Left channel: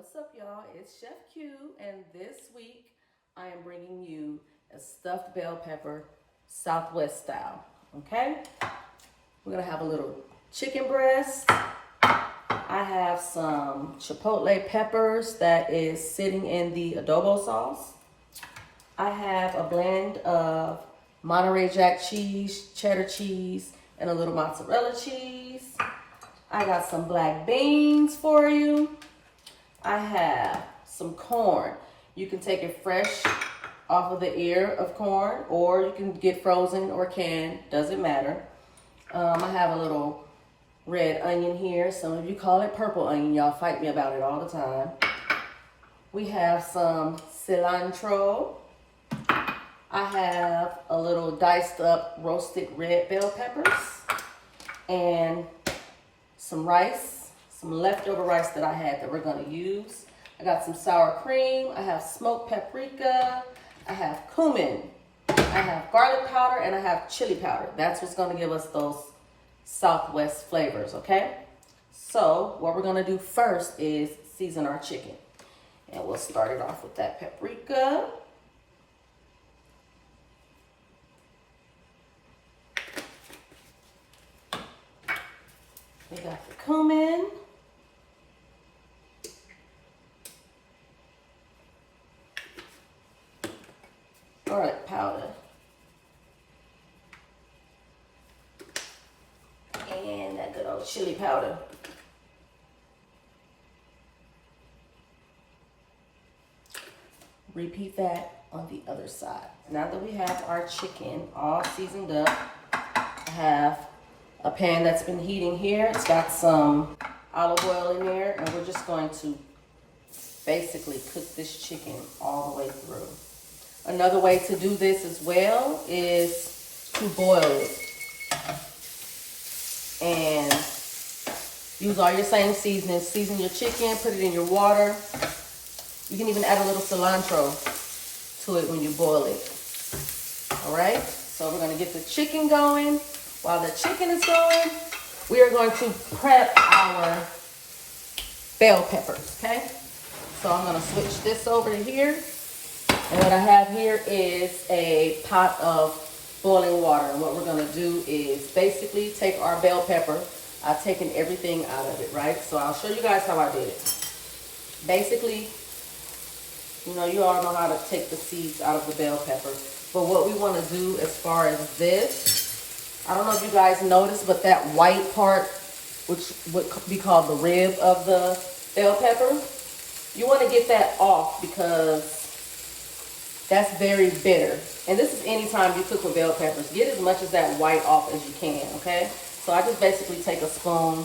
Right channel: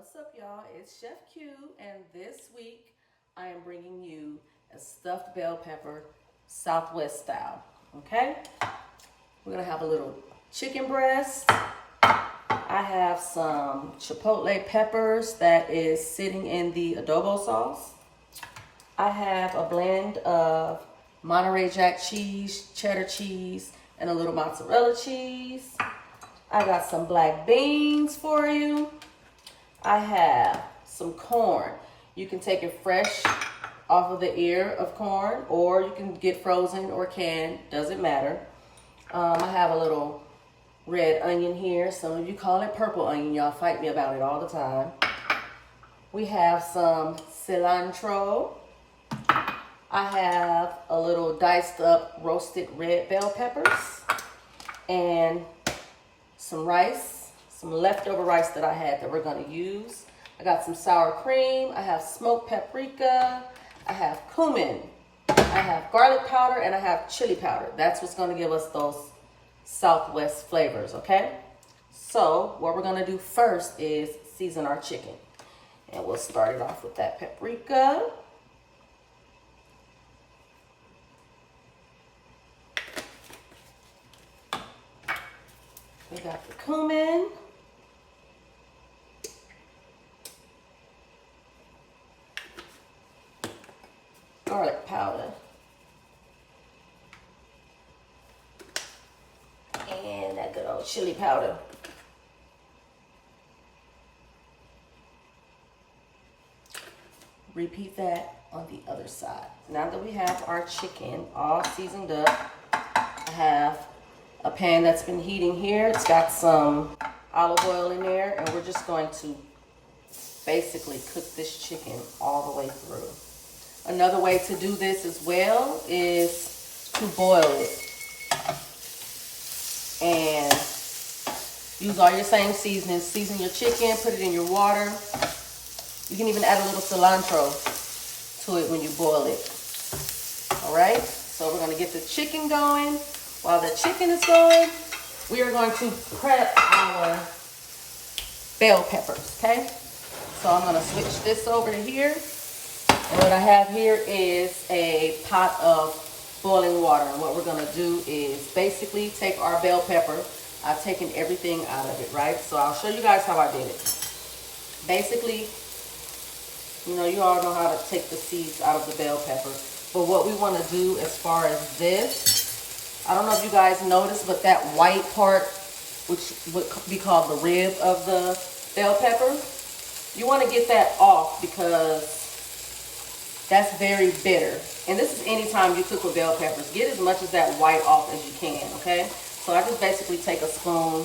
What's up, y'all? It's Chef Q, and this week I am bringing you a stuffed bell pepper Southwest style. Okay, we're gonna have a little chicken breast. I have some chipotle peppers that is sitting in the adobo sauce. I have a blend of Monterey Jack cheese, cheddar cheese, and a little mozzarella cheese. I got some black beans for you. I have some corn. You can take it fresh off of the ear of corn, or you can get frozen or canned, doesn't matter. I have a little red onion here. Some of you call it purple onion. Y'all fight me about it all the time. We have some cilantro. I have a little diced up roasted red bell peppers and some rice. Some leftover rice that I had that we're gonna use. I got some sour cream. I have smoked paprika. I have cumin. I have garlic powder, and I have chili powder. That's what's gonna give us those Southwest flavors, okay? So what we're gonna do first is season our chicken. And we'll start it off with that paprika. We got the cumin. Garlic powder. And that good old chili powder. Repeat that on the other side. Now that we have our chicken all seasoned up, I have a pan that's been heating here. It's got some olive oil in there, and we're just going to basically cook this chicken all the way through. Another way to do this as well is to boil it and use all your same seasonings. Season your chicken, put it in your water. You can even add a little cilantro to it when you boil it. All right, so we're gonna get the chicken going. While the chicken is going, we are going to prep our bell peppers, okay? So I'm gonna switch this over to here. And what I have here is a pot of boiling water. And what we're gonna do is basically take our bell pepper. I've taken everything out of it, right? So I'll show you guys how I did it. Basically, you know, you all know how to take the seeds out of the bell pepper. But what we wanna do as far as this, I don't know if you guys noticed, but that white part, which would be called the rib of the bell pepper, you wanna get that off because that's very bitter. And this is anytime you cook with bell peppers. Get as much of that white off as you can, okay? So I just basically take a spoon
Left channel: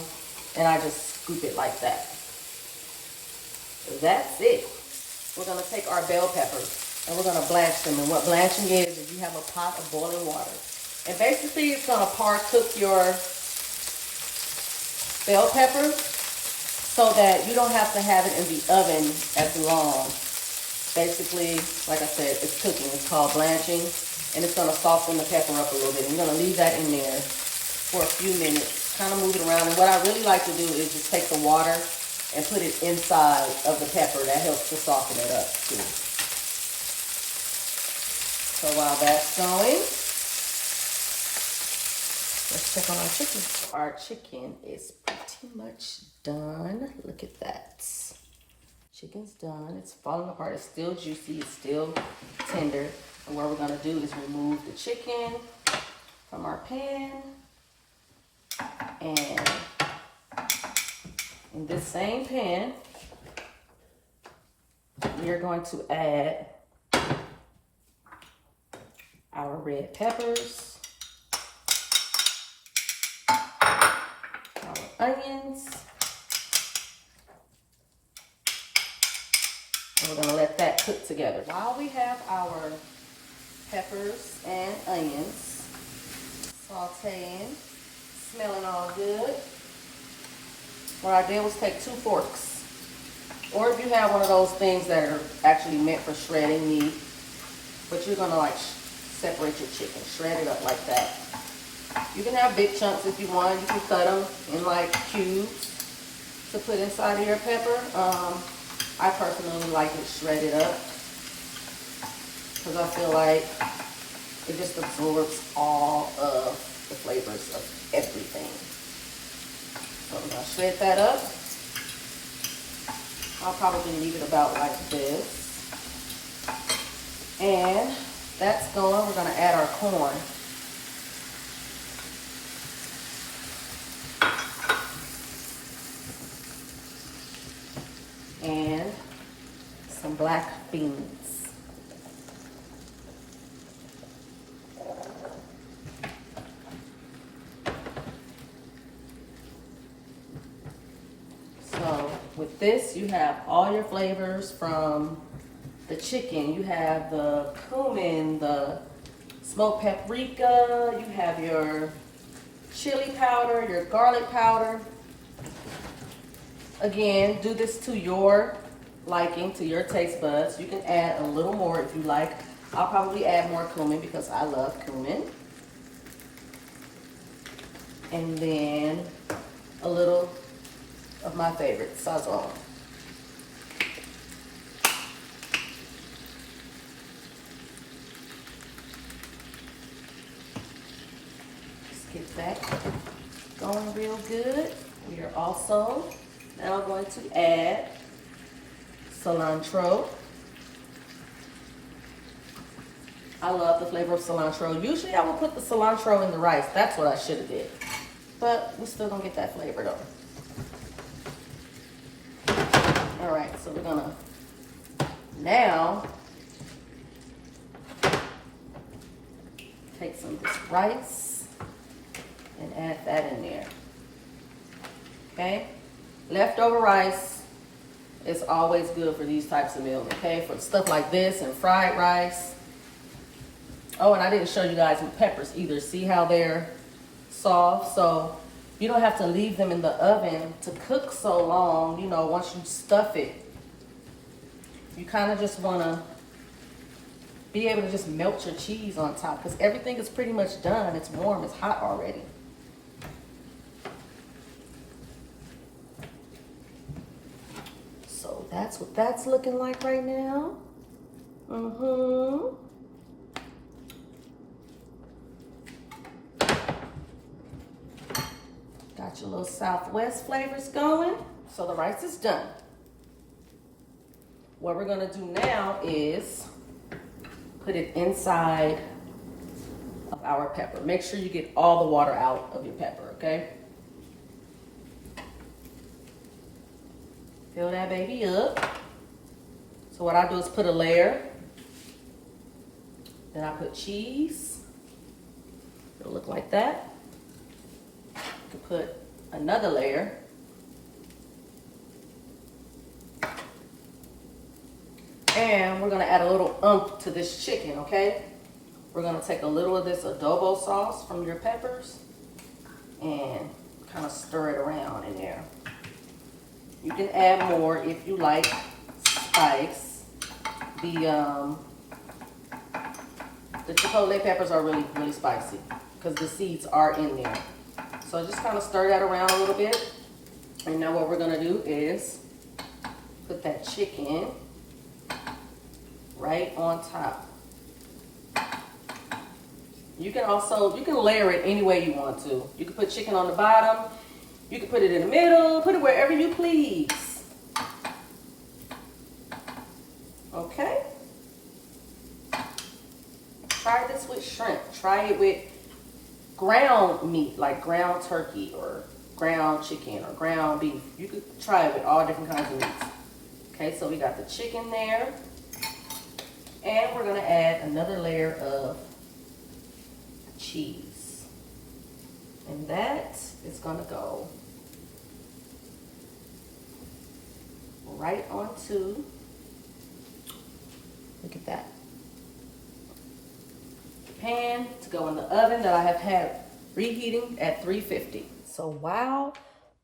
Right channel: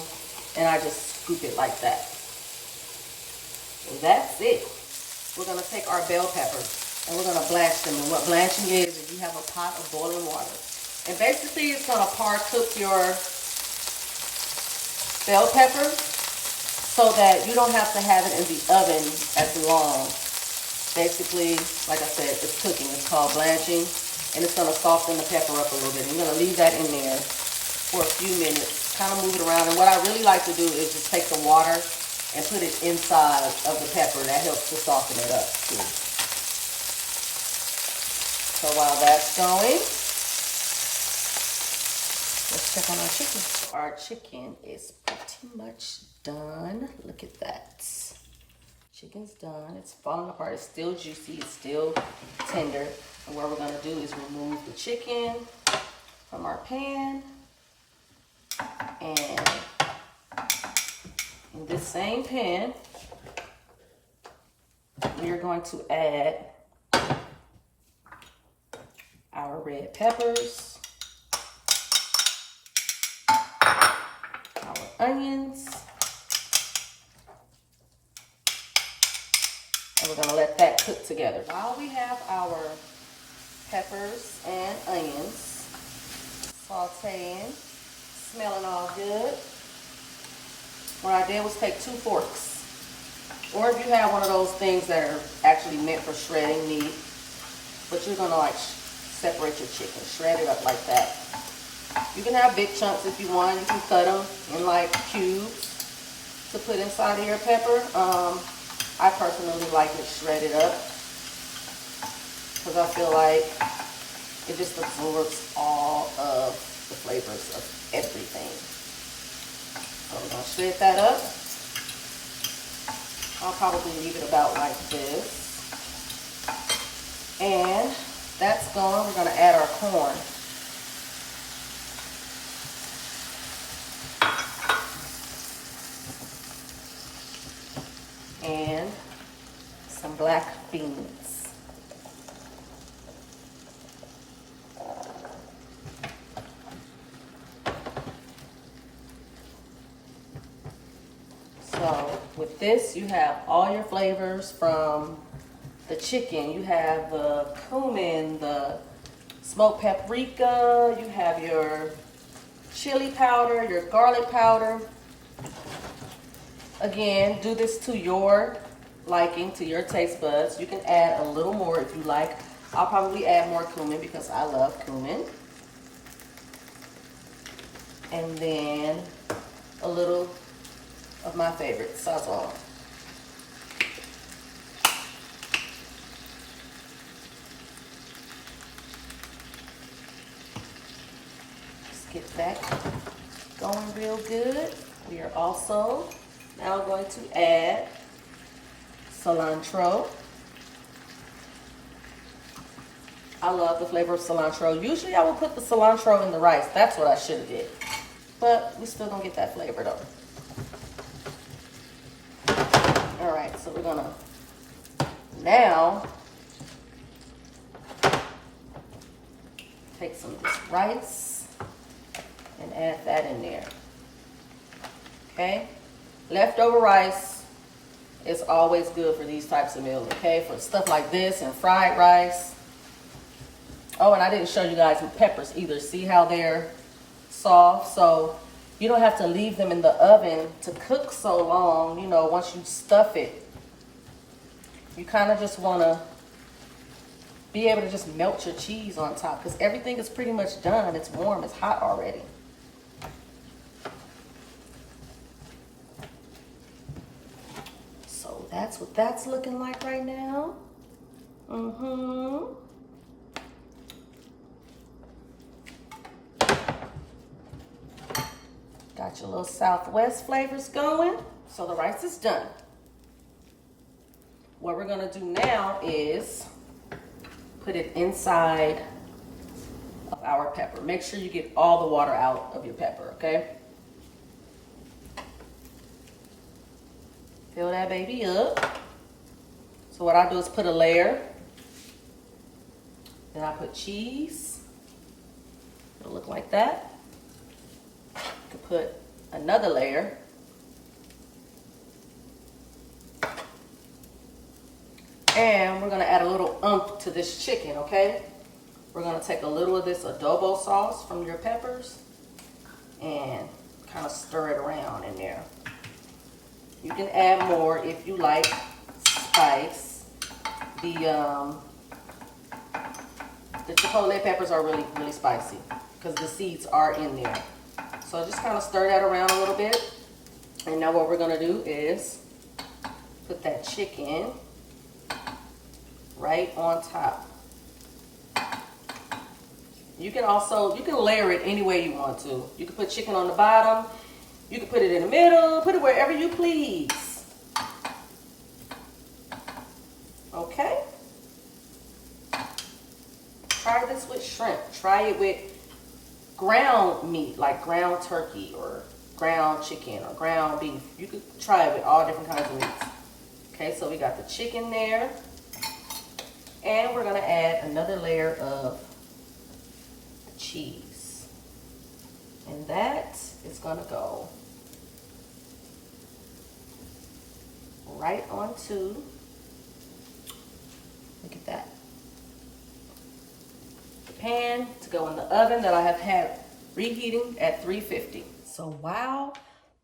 and I just scoop it like that. That's it. We're gonna take our bell peppers and we're gonna blanch them. And what blanching is you have a pot of boiling water. And basically it's gonna par-cook your bell pepper so that you don't have to have it in the oven as long. Basically, like I said, it's cooking. It's called blanching, and it's gonna soften the pepper up a little bit. I'm gonna leave that in there for a few minutes, kind of move it around. And what I really like to do is just take the water and put it inside of the pepper. That helps to soften it up too. So while that's going, let's check on our chicken. Our chicken is pretty much done. Look at that. Chicken's done. It's falling apart. It's still juicy. It's still tender. And what we're gonna do is remove the chicken from our pan. And in this same pan, we are going to add our red peppers, our onions, and we're gonna let that cook together. While we have our peppers and onions sauteing, smelling all good, what I did was take 2 forks. Or if you have one of those things that are actually meant for shredding meat, but you're gonna like separate your chicken, shred it up like that. You can have big chunks if you want. You can cut them in like cubes to put inside of your pepper. like it shredded up because I feel like it just absorbs all of the flavors of everything. So I'm gonna shred that up. I'll probably leave it about like this. And that's going. We're gonna add our corn. And some black beans. So with this, you have all your flavors from the chicken. You have the cumin, the smoked paprika, you have your chili powder, your garlic powder. Again, do this to your liking, to your taste buds. You can add a little more if you like. I'll probably add more cumin because I love cumin. And then a little of my favorite, Sazon. Just get that going real good. We are also now going to add cilantro. I love the flavor of cilantro. Usually I would put the cilantro in the rice. That's what I should have did. But we still gonna get that flavor though. All right, so we're gonna now take some of this rice and add that in there. Okay, leftover rice is always good for these types of meals, okay? For stuff like this and fried rice. Oh, and I didn't show you guys the peppers either. See how they're soft? So you don't have to leave them in the oven to cook so long, you know, once you stuff it. You kind of just want to be able to just melt your cheese on top because everything is pretty much done. It's warm, it's hot already. So that's what that's looking like right now. Got your little Southwest flavors going. So the rice is done. What we're gonna do now is put it inside of our pepper. Make sure you get all the water out of your pepper, okay? Fill that baby up. So what I do is put a layer. Then I put cheese. It'll look like that. You can put another layer. And we're gonna add a little oomph to this chicken, okay? We're gonna take a little of this adobo sauce from your peppers and kind of stir it around in there. You can add more if you like spice. The chipotle peppers are really, really spicy because the seeds are in there. So just kind of stir that around a little bit. And now what we're gonna do is put that chicken right on top. You can layer it any way you want to. You can put chicken on the bottom. You can put it in the middle. Put it wherever you please. Okay. Try this with shrimp. Try it with ground meat, like ground turkey or ground chicken or ground beef. You could try it with all different kinds of meats. Okay, so we got the chicken there. And we're gonna add another layer of cheese. And that is gonna go right onto, look at that, the pan to go in the oven that I have had reheating at 350. So while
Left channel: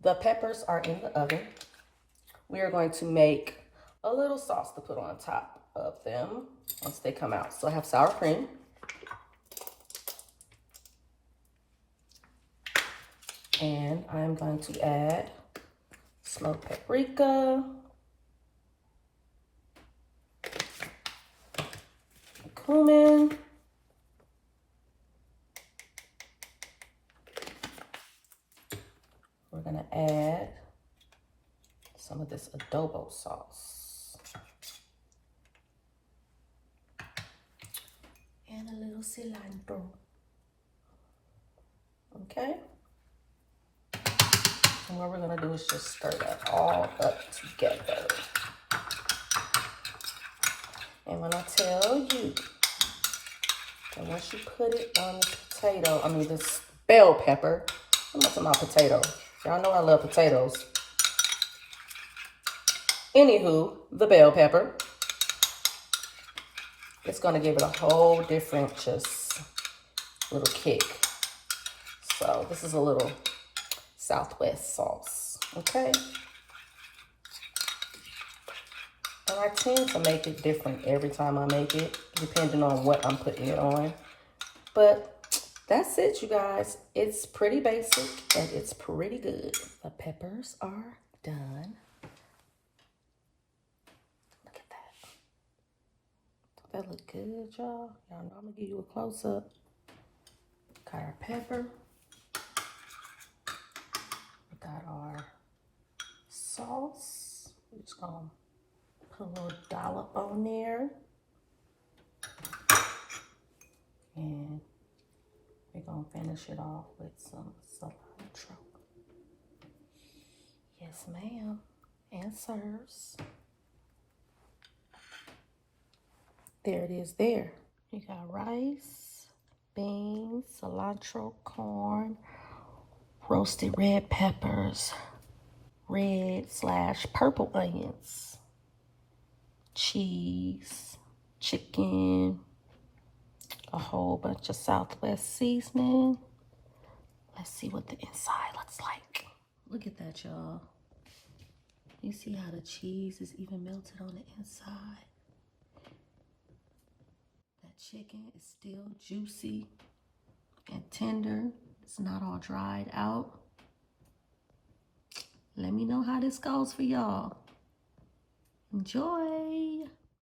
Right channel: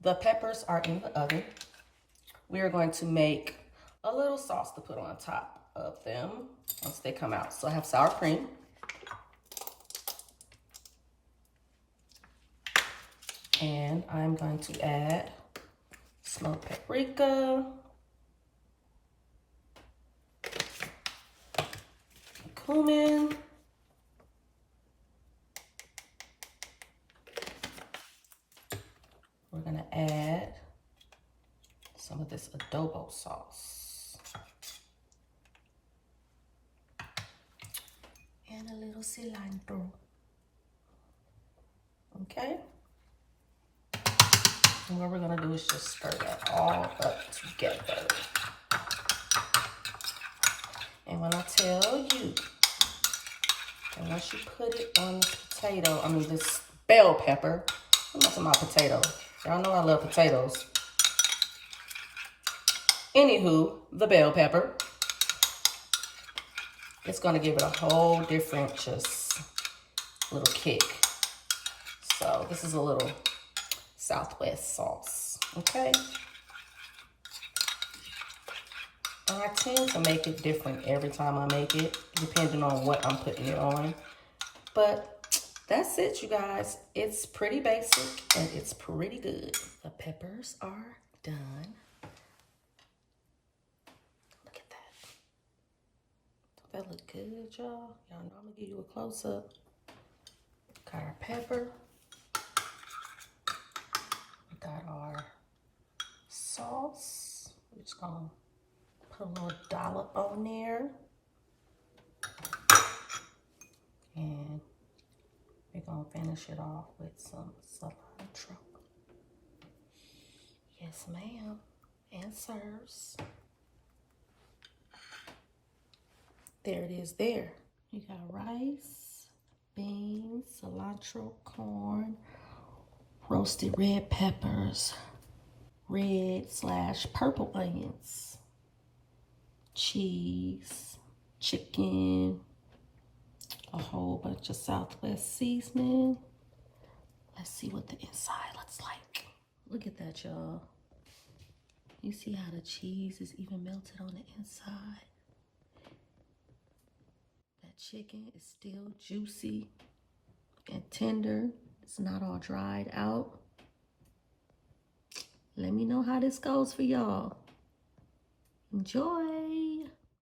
the peppers are in the oven, we are going to make a little sauce to put on top of them once they come out. So I have sour cream. And I'm going to add smoked paprika. cumin. We're gonna add some of this adobo sauce. And a little cilantro. Okay? And what we're gonna do is just stir that all up together. And when I tell you that once you put it on the potato, I mean this bell pepper, I'm not talking about potato. Y'all know I love potatoes. Anywho, the bell pepper, it's gonna give it a whole different just little kick. So this is a little Southwest sauce, okay? And I tend to make it different every time I make it, depending on what I'm putting it on. But that's it, you guys. It's pretty basic and it's pretty good. The peppers are done. Look at that. Don't that look good, y'all? Y'all know I'm gonna give you a close-up. Got our pepper. We got our sauce. We're just gonna put a little dollop on there. And we're gonna finish it off with some cilantro. Yes, ma'am. And sirs. There it is there. You got rice, beans, cilantro, corn, roasted red peppers, red/purple onions, cheese, chicken, a whole bunch of Southwest seasoning. Let's see what the inside looks like. Look at that, y'all. You see how the cheese is even melted on the inside? That chicken is still juicy and tender. It's not all dried out. Let me know how this goes for y'all. Enjoy.